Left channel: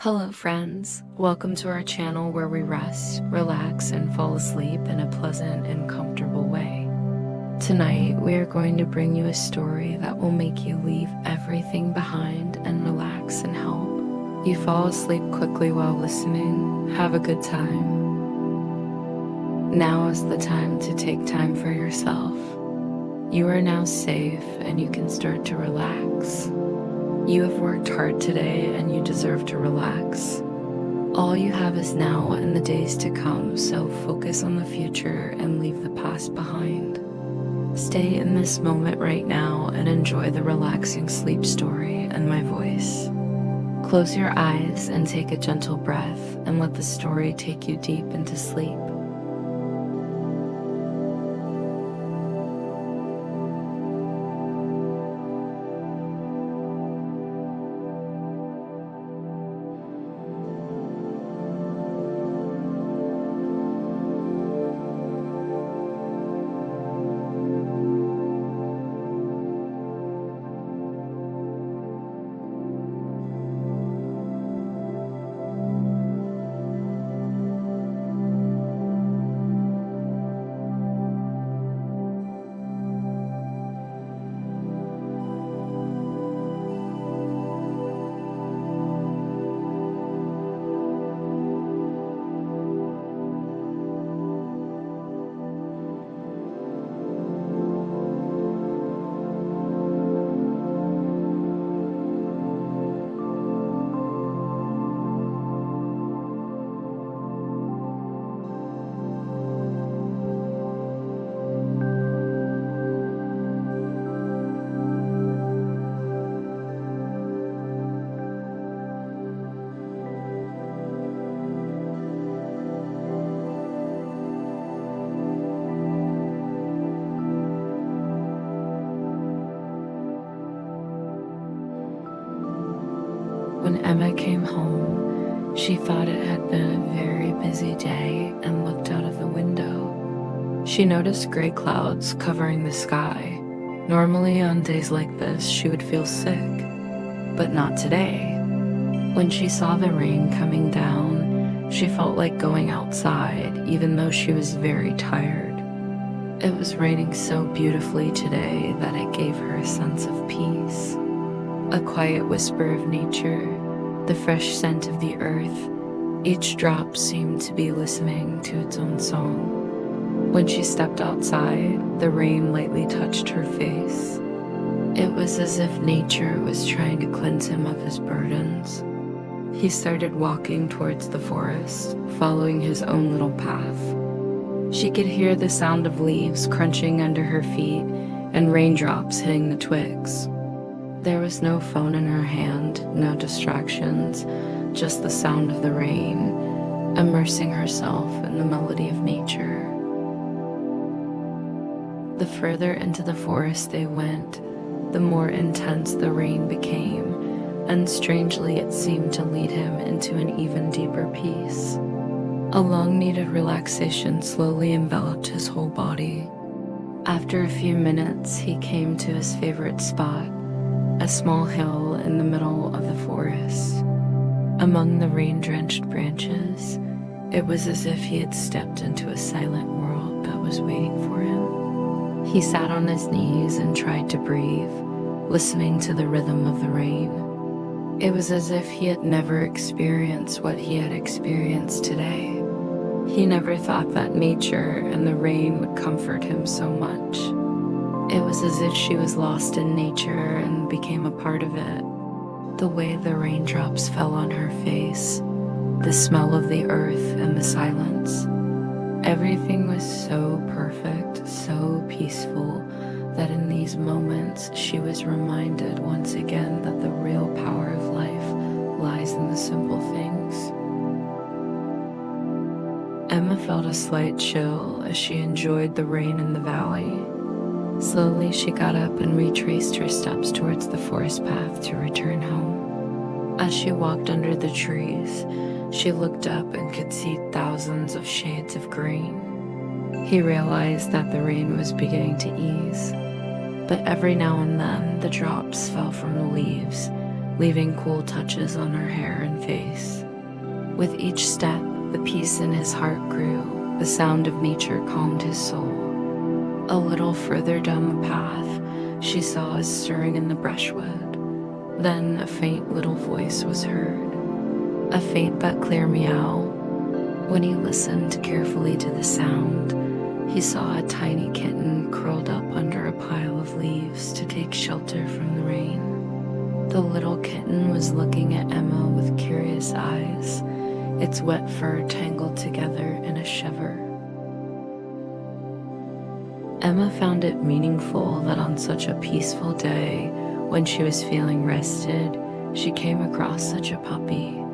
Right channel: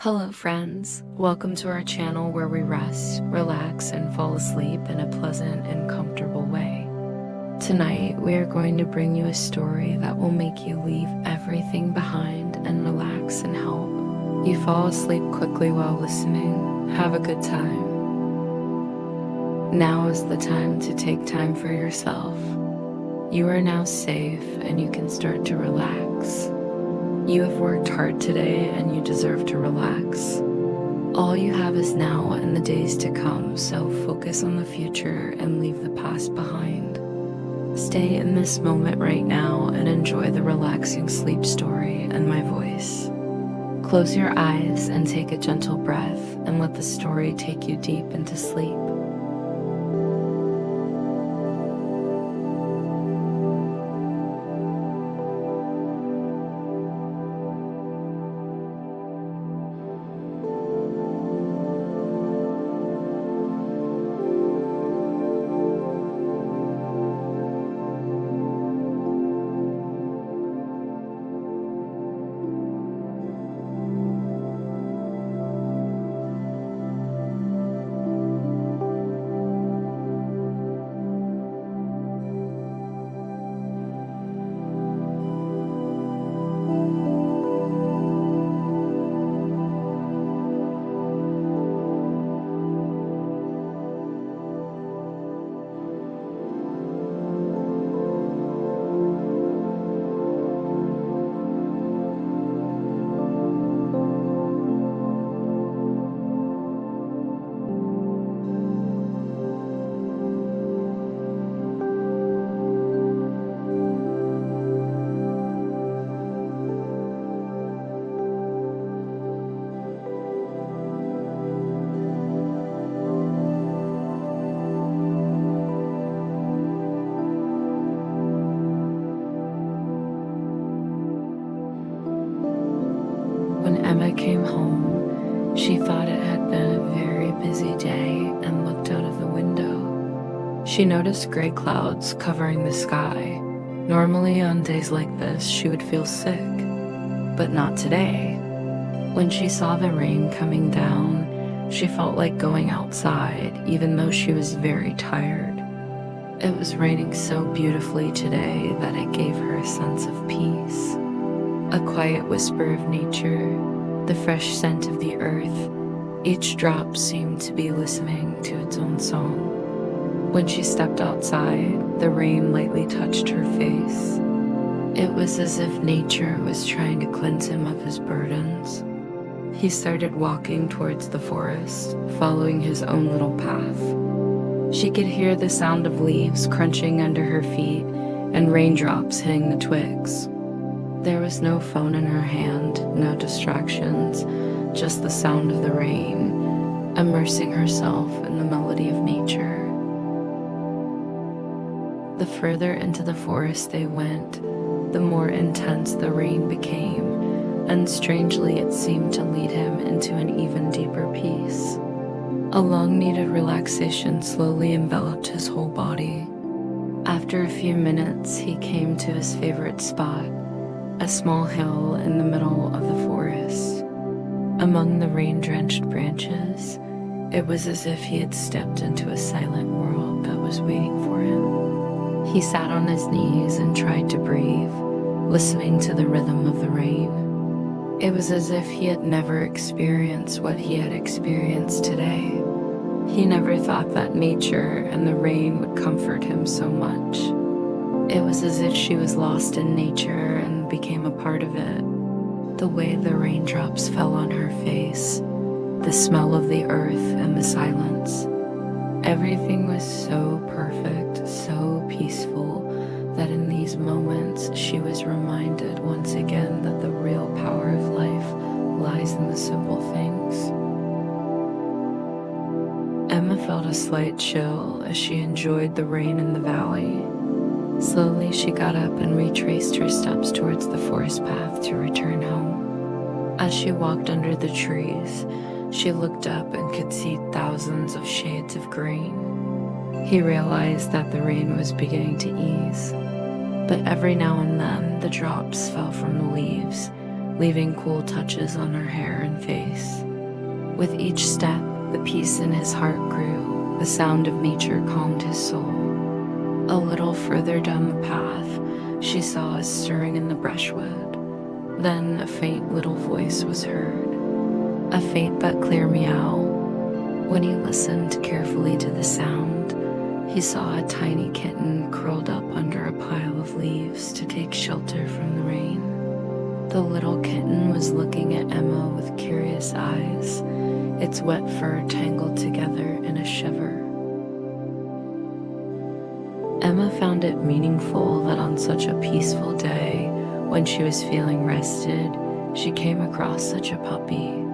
Hello friends, welcome to our channel where we rest, relax, and fall asleep in a pleasant and comfortable way. Tonight we are going to bring you a story that will make you leave everything behind and relax and help you fall asleep quickly while listening. Have a good time. Now is the time to take time for yourself. You are now safe and you can start to relax. You have worked hard today and you deserve to relax. All you have is now and the days to come, so focus on the future and leave the past behind. Stay in this moment right now and enjoy the relaxing sleep story and my voice. Close your eyes and take a gentle breath and let the story take you deep into sleep. When Emma came home, she thought it had been a very busy day and looked out of the window. She noticed gray clouds covering the sky. Normally on days like this, she would feel sick, but not today. When she saw the rain coming down, she felt like going outside, even though she was very tired. It was raining so beautifully today that it gave her a sense of peace. A quiet whisper of nature, the fresh scent of the earth. Each drop seemed to be listening to its own song. When she stepped outside, the rain lightly touched her face. It was as if nature was trying to cleanse him of his burdens. He started walking towards the forest, following his own little path. She could hear the sound of leaves crunching under her feet and raindrops hitting the twigs. There was no phone in her hand, no distractions, just the sound of the rain, immersing herself in the melody of nature. The further into the forest they went, the more intense the rain became, and strangely it seemed to lead him into an even deeper peace. A long-needed relaxation slowly enveloped his whole body. After a few minutes, he came to his favorite spot, a small hill in the middle of the forest. Among the rain-drenched branches, it was as if he had stepped into a silent world that was waiting for him. He sat on his knees and tried to breathe, listening to the rhythm of the rain. It was as if he had never experienced what he had experienced today. He never thought that nature and the rain would comfort him so much. It was as if she was lost in nature and became a part of it. The way the raindrops fell on her face, the smell of the earth and the silence. Everything was so perfect, so peaceful, that in these moments she was reminded once again that the real power of life lies in the simple things. Emma felt a slight chill as she enjoyed the rain in the valley. Slowly, she got up and retraced her steps towards the forest path to return home. As she walked under the trees, she looked up and could see thousands of shades of green. He realized that the rain was beginning to ease, but every now and then the drops fell from the leaves, leaving cool touches on her hair and face. With each step, the peace in his heart grew. The sound of nature calmed his soul. A little further down the path, she saw a stirring in the brushwood. Then a faint little voice was heard, a faint but clear meow. When he listened carefully to the sound, he saw a tiny kitten curled up under a pile of leaves to take shelter from the rain. The little kitten was looking at Emma with curious eyes, its wet fur tangled together in a shiver. Emma found it meaningful that on such a peaceful day, when she was feeling rested, she came across such a puppy.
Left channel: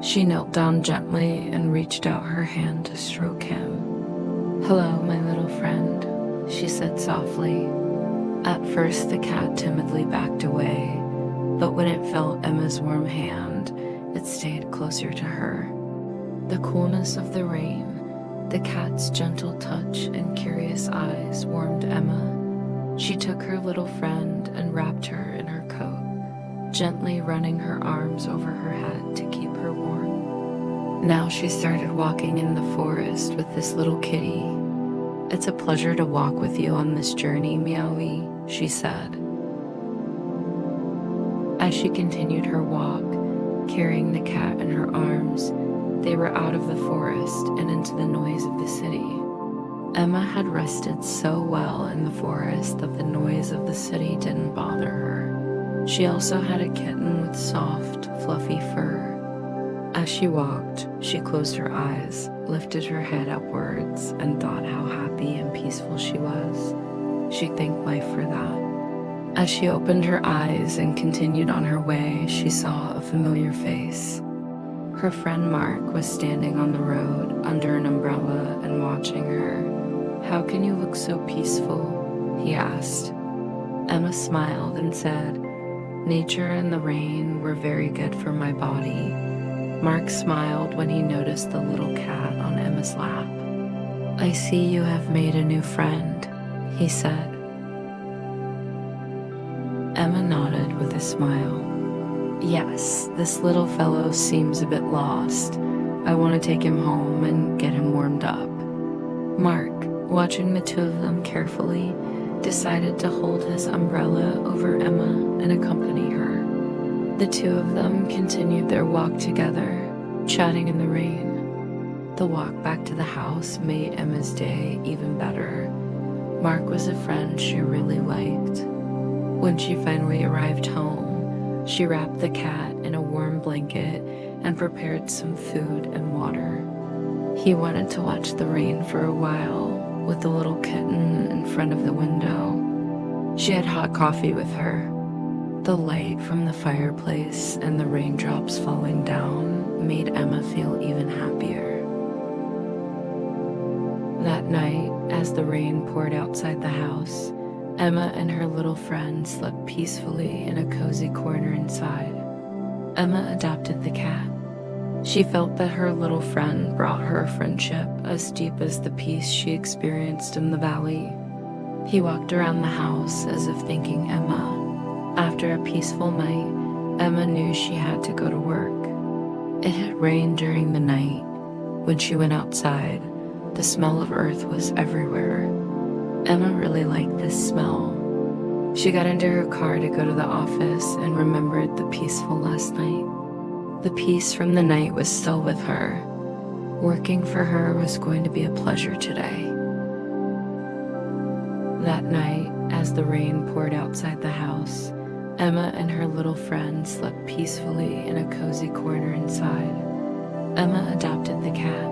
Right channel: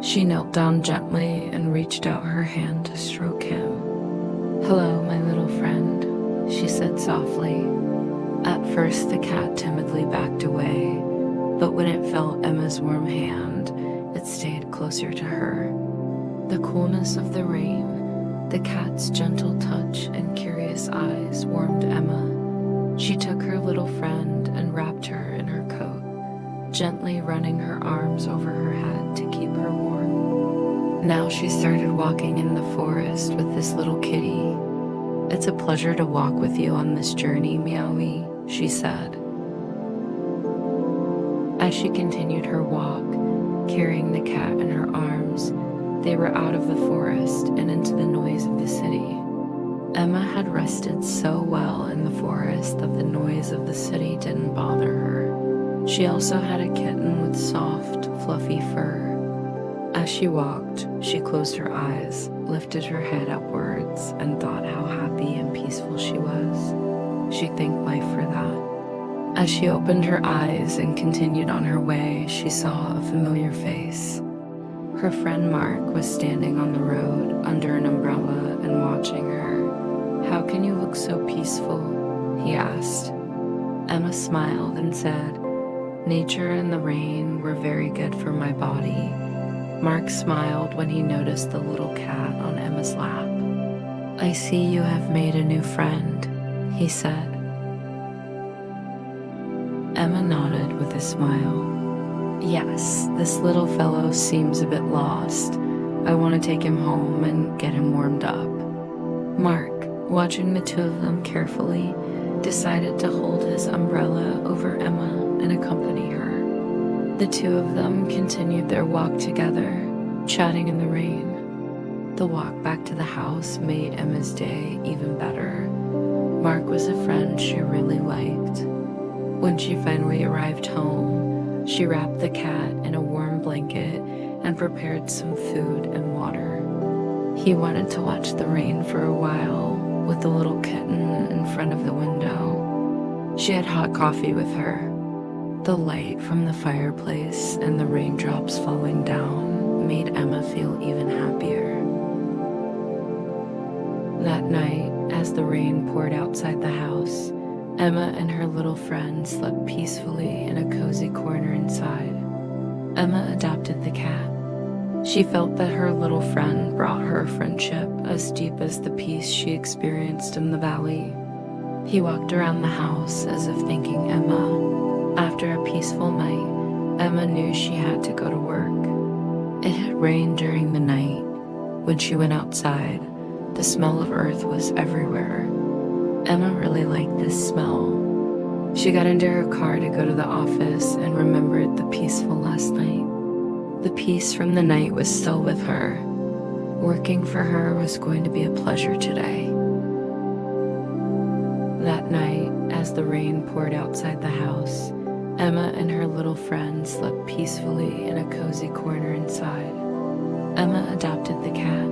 She knelt down gently and reached out her hand to stroke him. "Hello, my little friend," she said softly. At first, the cat timidly backed away, but when it felt Emma's warm hand, it stayed closer to her. The coolness of the rain, the cat's gentle touch and curious eyes warmed Emma. She took her little friend and wrapped her in her coat, gently running her arms over her head to keep her warm. Now she started walking in the forest with this little kitty. "It's a pleasure to walk with you on this journey, Meowie," she said. As she continued her walk, carrying the cat in her arms, they were out of the forest and into the noise of the city. Emma had rested so well in the forest that the noise of the city didn't bother her. She also had a kitten with soft, fluffy fur. As she walked, she closed her eyes, lifted her head upwards, and thought how happy and peaceful she was. She thanked life for that. As she opened her eyes and continued on her way, she saw a familiar face. Her friend Mark was standing on the road under an umbrella and watching her. "How can you look so peaceful?" he asked. Emma smiled and said, "Nature and the rain were very good for my body." Mark smiled when he noticed the little cat on Emma's lap. "I see you have made a new friend," he said. Emma nodded with a smile. "Yes, this little fellow seems a bit lost. I want to take him home and get him warmed up." Mark, watching the two of them carefully, decided to hold his umbrella over Emma and accompany her. The two of them continued their walk together, chatting in the rain. The walk back to the house made Emma's day even better. Mark was a friend she really liked. When she finally arrived home, she wrapped the cat in a warm blanket and prepared some food and water. He wanted to watch the rain for a while with the little kitten in front of the window. She had hot coffee with her. The light from the fireplace and the raindrops falling down made Emma feel even happier. That night, as the rain poured outside the house, Emma and her little friend slept peacefully in a cozy corner inside. Emma adopted the cat. She felt that her little friend brought her a friendship as deep as the peace she experienced in the valley. He walked around the house as if thanking Emma. After a peaceful night, Emma knew she had to go to work. It had rained during the night. When she went outside, the smell of earth was everywhere. Emma really liked this smell. She got into her car to go to the office and remembered the peaceful last night. The peace from the night was still with her. Working for her was going to be a pleasure today. That night, as the rain poured outside the house, Emma and her little friend slept peacefully in a cozy corner inside. Emma adopted the cat.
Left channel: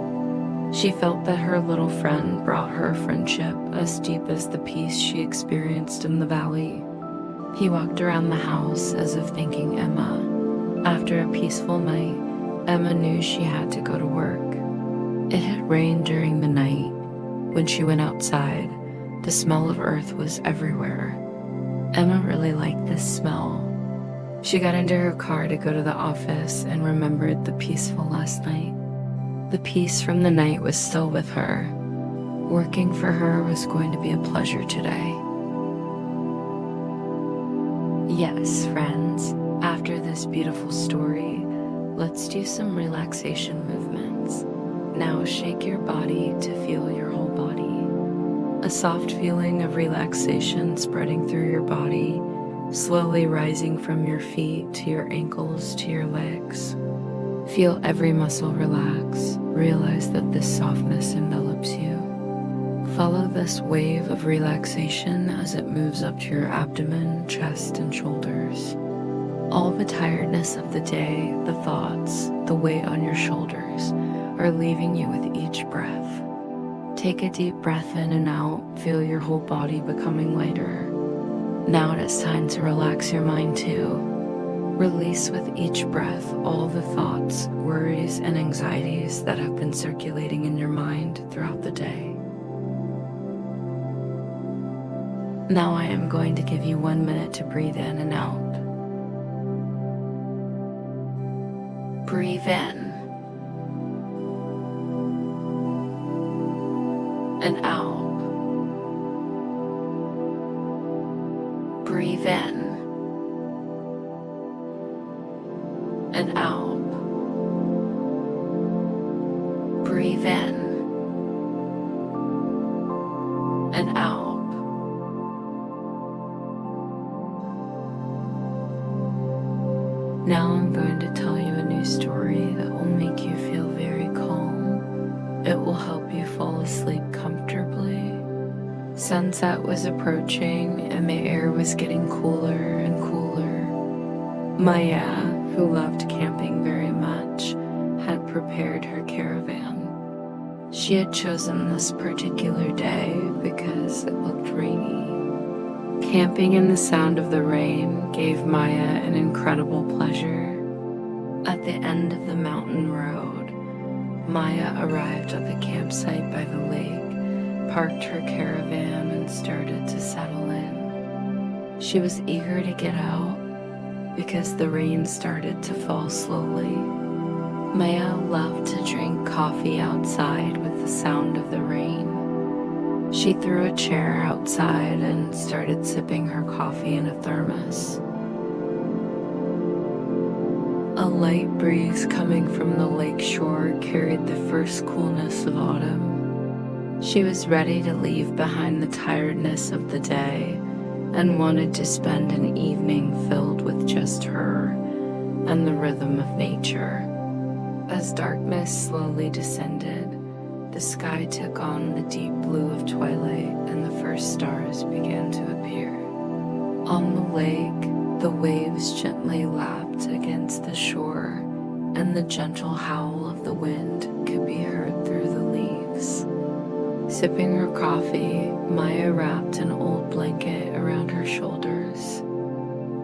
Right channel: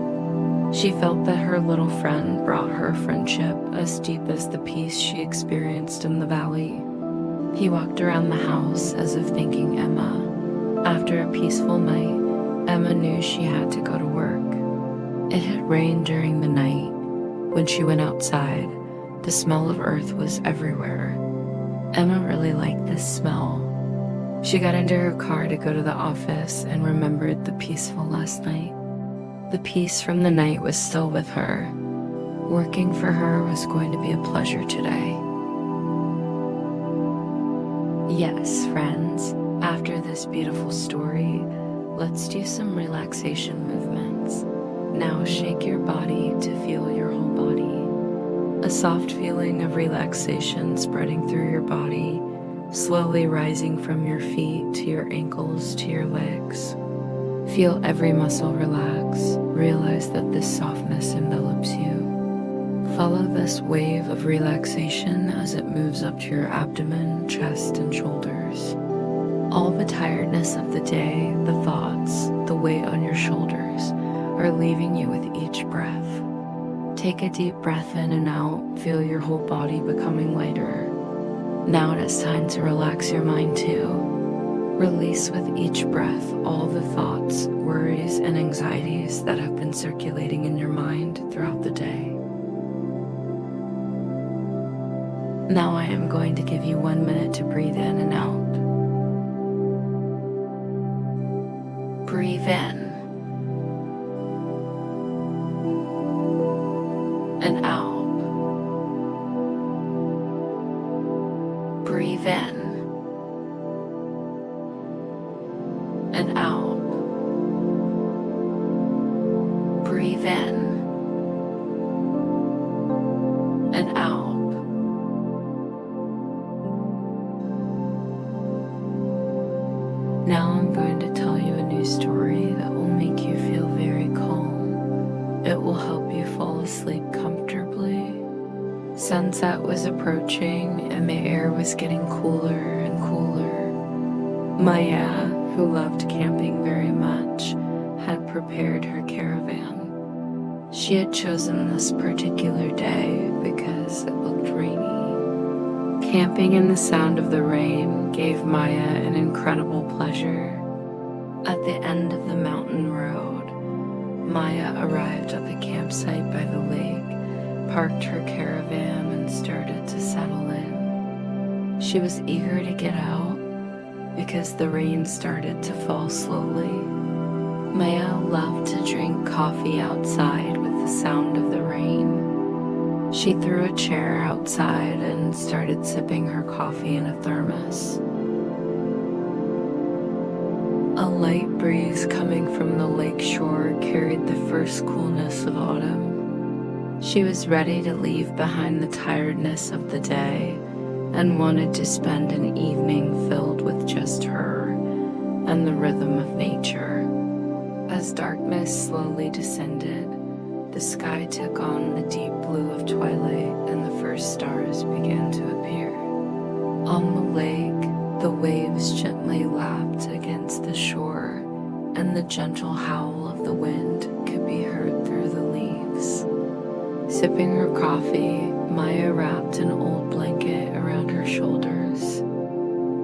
She felt that her little friend brought her a friendship as deep as the peace she experienced in the valley. He walked around the house as if thanking Emma. After a peaceful night, Emma knew she had to go to work. It had rained during the night. When she went outside, the smell of earth was everywhere. Emma really liked this smell. She got into her car to go to the office and remembered the peaceful last night. The peace from the night was still with her. Working for her was going to be a pleasure today. Yes, friends, After this beautiful story, let's do some relaxation movements. Now shake your body to feel your whole body. A soft feeling of relaxation spreading through your body, slowly rising from your feet to your ankles to your legs. Feel every muscle relax. Realize that this softness envelops you. Follow this wave of relaxation as it moves up to your abdomen, chest, and shoulders. All the tiredness of the day, the thoughts, the weight on your shoulders are leaving you with each breath. Take a deep breath in and out. Feel your whole body becoming lighter. Now it is time to relax your mind too. Release with each breath all the thoughts, worries, and anxieties that have been circulating in your mind throughout the day. Now I am going to give you 1 minute to breathe in and out. Breathe in and out. Breathe in and out. Breathe in and out. Now I'm going to tell you a new story that will make you feel very calm. It will help you fall asleep comfortably. Sunset was approaching and the air was getting cooler and cooler. Maya, who loved camping very much, had prepared her caravan. She had chosen this particular day because it looked rainy. Camping in the sound of the rain gave Maya an incredible pleasure. At the end of the mountain road, Maya arrived at the campsite by the lake, parked her caravan, and started to settle in. She was eager to get out because the rain started to fall slowly. Maya loved to drink coffee outside with the sound of the rain. She threw a chair outside and started sipping her coffee in a thermos. A light breeze coming from the lake shore carried the first coolness of autumn. She was ready to leave behind the tiredness of the day and wanted to spend an evening filled with just her and the rhythm of nature. As darkness slowly descended, the sky took on the deep blue of twilight and the first stars began to appear. On the lake, the waves gently lapped against the shore, and the gentle howl of the wind could be heard through the leaves. Sipping her coffee, Maya wrapped an old blanket around her shoulders.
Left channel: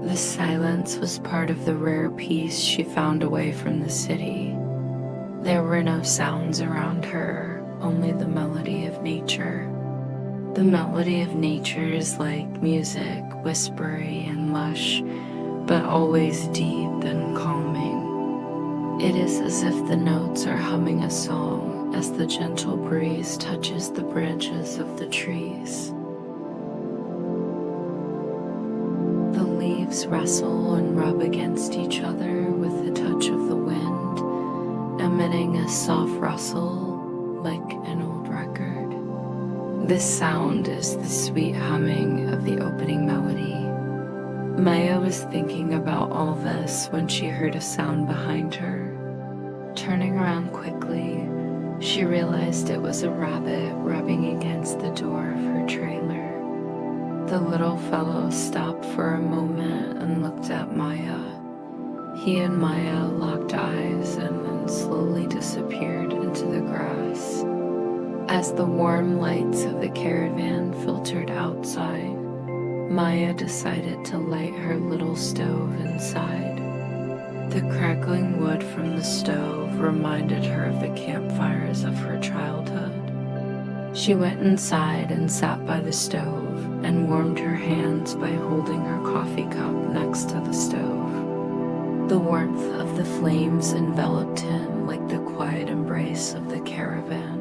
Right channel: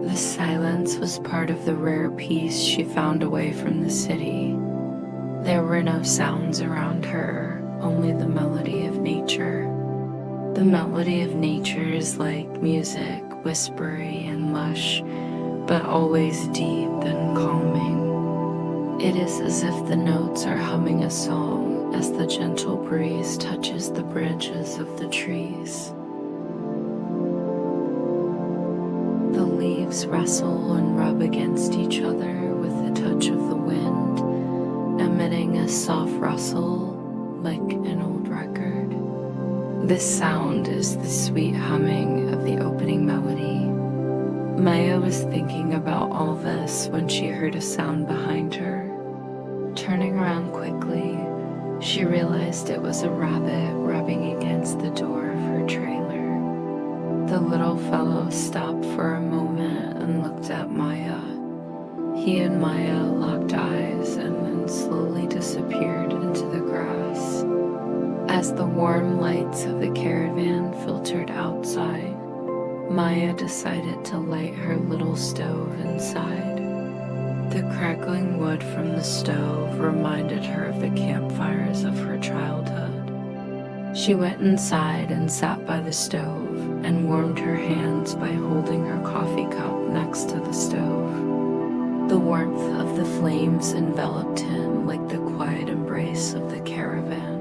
The silence was part of the rare peace she found away from the city. There were no sounds around her, only the melody of nature. The melody of nature is like music, whispery and lush, but always deep and calming. It is as if the notes are humming a song as the gentle breeze touches the branches of the trees. The leaves rustle and rub against each other with the touch of the wind, emitting a soft rustle like an old record. This sound is the sweet humming of the opening melody. Maya was thinking about all this when she heard a sound behind her. Turning around quickly, she realized it was a rabbit rubbing against the door of her trailer. The little fellow stopped for a moment and looked at Maya. He and Maya locked eyes and then slowly disappeared into the grass. As the warm lights of the caravan filtered outside, Maya decided to light her little stove inside. The crackling wood from the stove reminded her of the campfires of her childhood. She went inside and sat by the stove and warmed her hands by holding her coffee cup next to the stove. The warmth of the flames enveloped him like the quiet embrace of the caravan.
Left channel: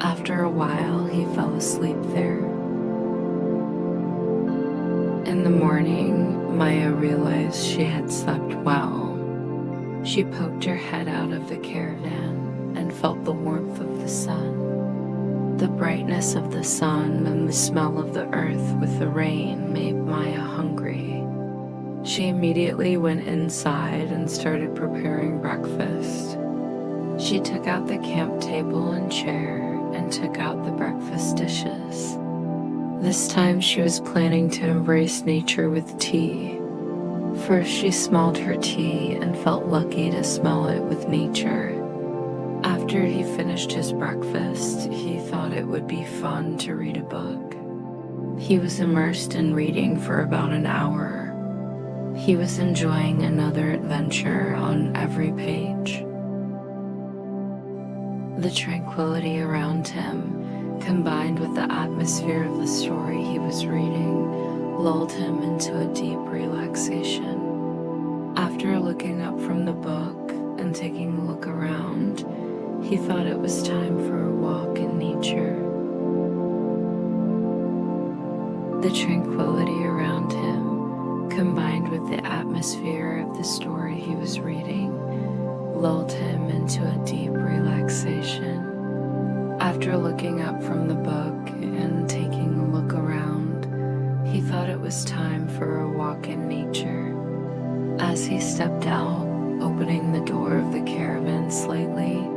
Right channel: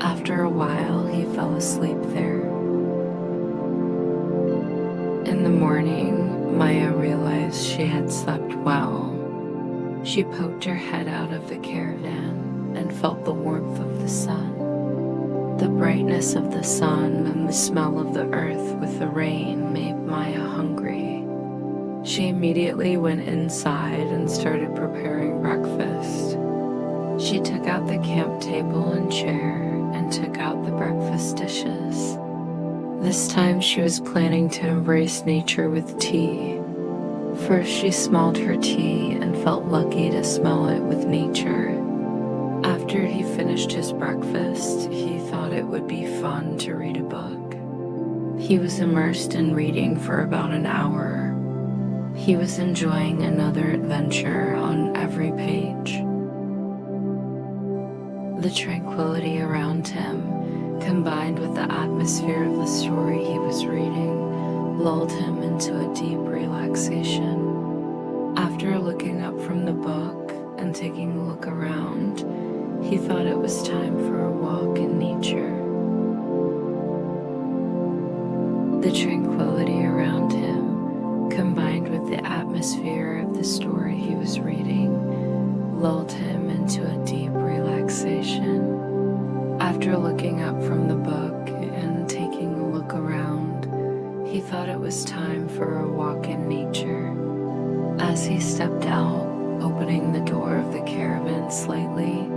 After a while, he fell asleep there. In the morning, Maya realized she had slept well. She poked her head out of the caravan and felt the warmth of the sun. The brightness of the sun and the smell of the earth with the rain made Maya hungry. She immediately went inside and started preparing breakfast. She took out the camp table and chair and took out the breakfast dishes. This time she was planning to embrace nature with tea. First she smelled her tea and felt lucky to smell it with nature. After he finished his breakfast, he thought it would be fun to read a book. He was immersed in reading for about an hour. He was enjoying another adventure on every page. The tranquility around him, combined with the atmosphere of the story he was reading, lulled him into a deep relaxation. After looking up from the book and taking a look around, he thought it was time for a walk in nature. The tranquility around him, combined with the atmosphere of the story he was reading, lulled him into a deep relaxation. After looking up from the book and taking a look around, he thought it was time for a walk in nature. As he stepped out, opening the door of the caravan slightly,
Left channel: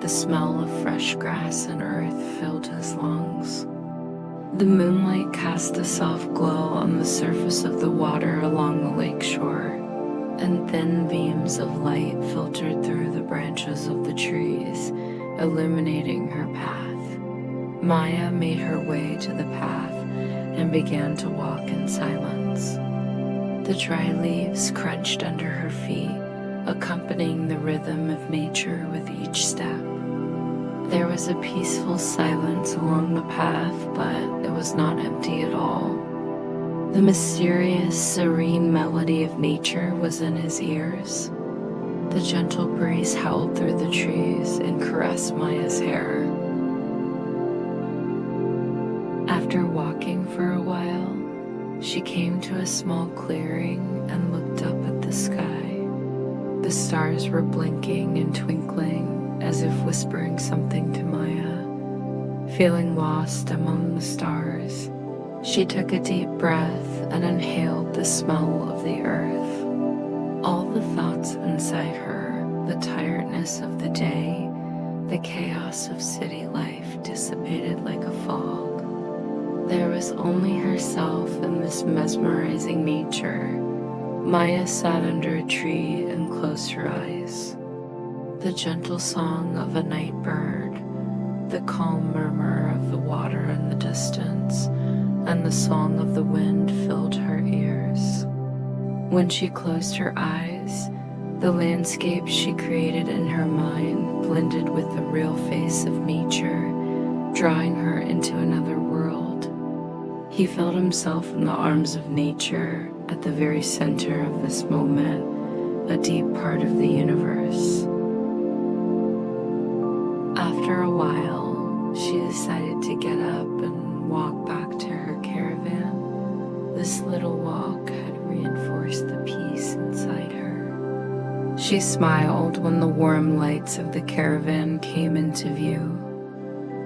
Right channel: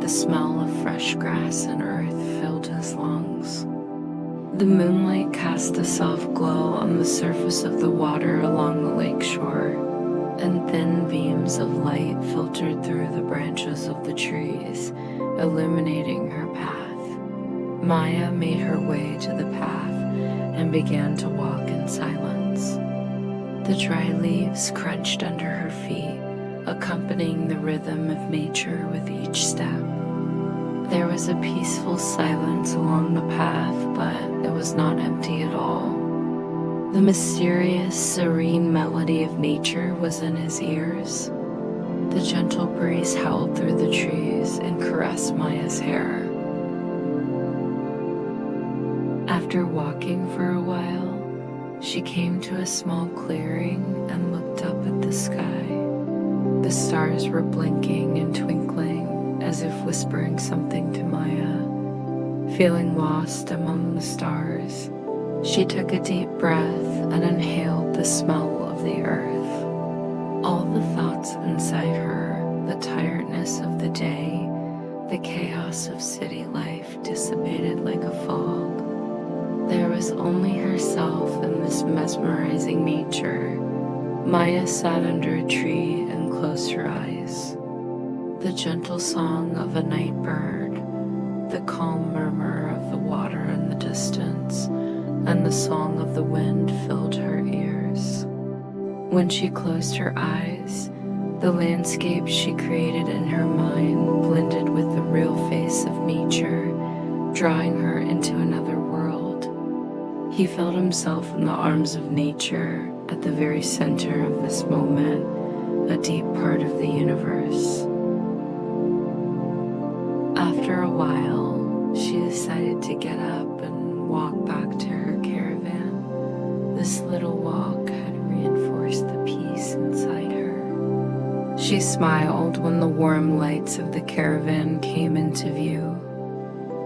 the smell of fresh grass and earth filled his lungs. The moonlight cast a soft glow on the surface of the water along the lake shore, and thin beams of light filtered through the branches of the trees, illuminating her path. Maya made her way to the path and began to walk in silence. The dry leaves crunched under her feet, accompanying the rhythm of nature with each step. There was a peaceful silence along the path, but it was not empty at all. The mysterious, serene melody of nature was in his ears. The gentle breeze howled through the trees and caressed Maya's hair. After walking for a while, she came to a small clearing and looked up at the sky. The stars were blinking and twinkling, as if whispering something to Maya. Feeling lost among the stars, she took a deep breath and inhaled the smell of the earth. All the thoughts inside her, the tiredness of the day, the chaos of city life dissipated like a fog. There was only herself and this mesmerizing nature. Maya sat under a tree and closed her eyes. The gentle song of a night bird, the calm murmur of the water in the distance, and the song of the wind filled her ears. When she closed her eyes, the landscape she created in her mind blended with the real face of nature, drawing her into another world. He felt himself in the arms of nature, at the very center of this moment, a deep part of the universe. After a while, she decided to get up and walk back to her caravan. This little walk had reinforced the peace inside her. She smiled when the warm lights of the caravan came into view.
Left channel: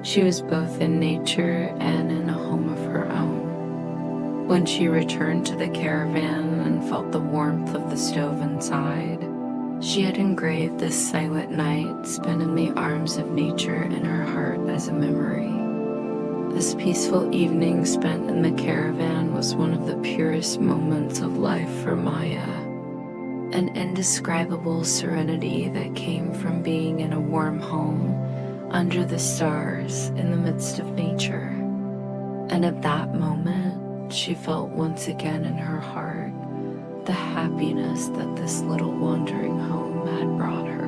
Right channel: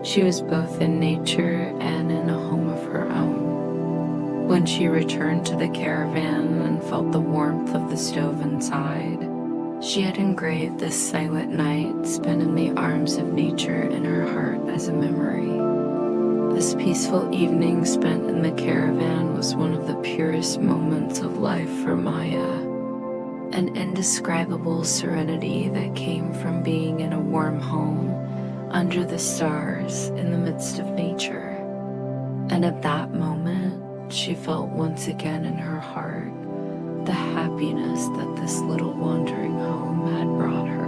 She was both in nature and in a home of her own. When she returned to the caravan and felt the warmth of the stove inside, she had engraved this silent night spent in the arms of nature in her heart as a memory. This peaceful evening spent in the caravan was one of the purest moments of life for Maya. An indescribable serenity that came from being in a warm home, under the stars, in the midst of nature. And at that moment, she felt once again in her heart the happiness that this little wandering home had brought her.